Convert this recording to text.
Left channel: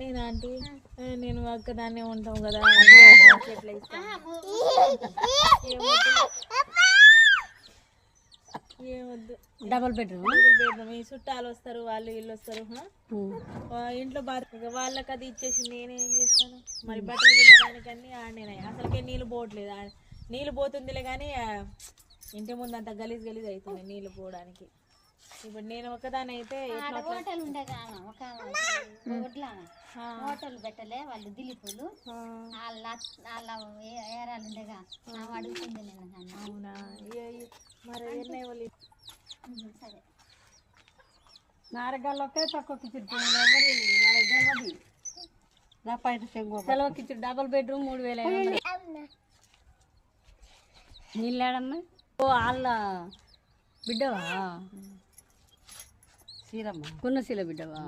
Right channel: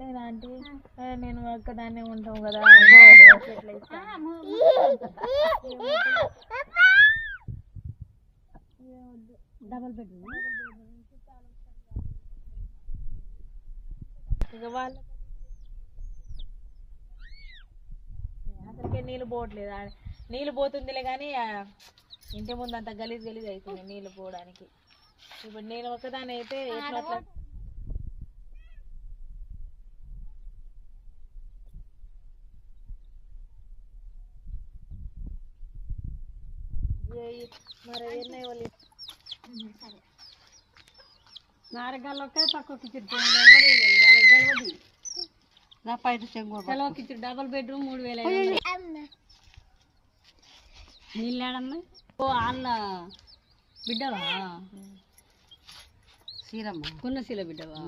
నేను ఆంటీ నేను ఒక్కదాన్నే ఉంటాం కదా ఎట్లా ఇస్తా ఏమొద్దు డబుల్ బెడ్రూమ్ ఈ చుట్టాలు వస్తారు వాళ్ళు వీళ్ళు వస్తారు ఇంట్లో బాగా వాళ్ళకి అది ఇచ్చేసి నేనేం చేస్తాను మరి బట్టలు తినడానికన్నీ ఆడనే అసలుకే నీళ్ళు పోవట్లేదు నీళ్ళు పోతుందిలే కానీ ఇంటి ముందు అంత గలీజ్ గలీజ్ అవుతుంది నీళ్ళు పోవడానికి ఇప్పుడు నేను ఒకదాని అయితే ఎట్లా హోటల్ పెట్టలే వాళ్ళు దిలీపులు వాళ్ళ ఏరాలు ఉండగా అడుగుతుంది నేను అవునా మరి ఎన్నై వాళ్ళు సరే నారగాళ్ళకే తక్కువ కిచెన్ వాళ్ళకి తెలియదు నా పైన సెలవు కిచెన్ డబుల్ బెడ్రూమ్ 3,000 నీళ్ళాడమ్మా ఓ వాళ్ళ బిడ్డవా సీరమ్మ కొన్న సీల బిడ్డవా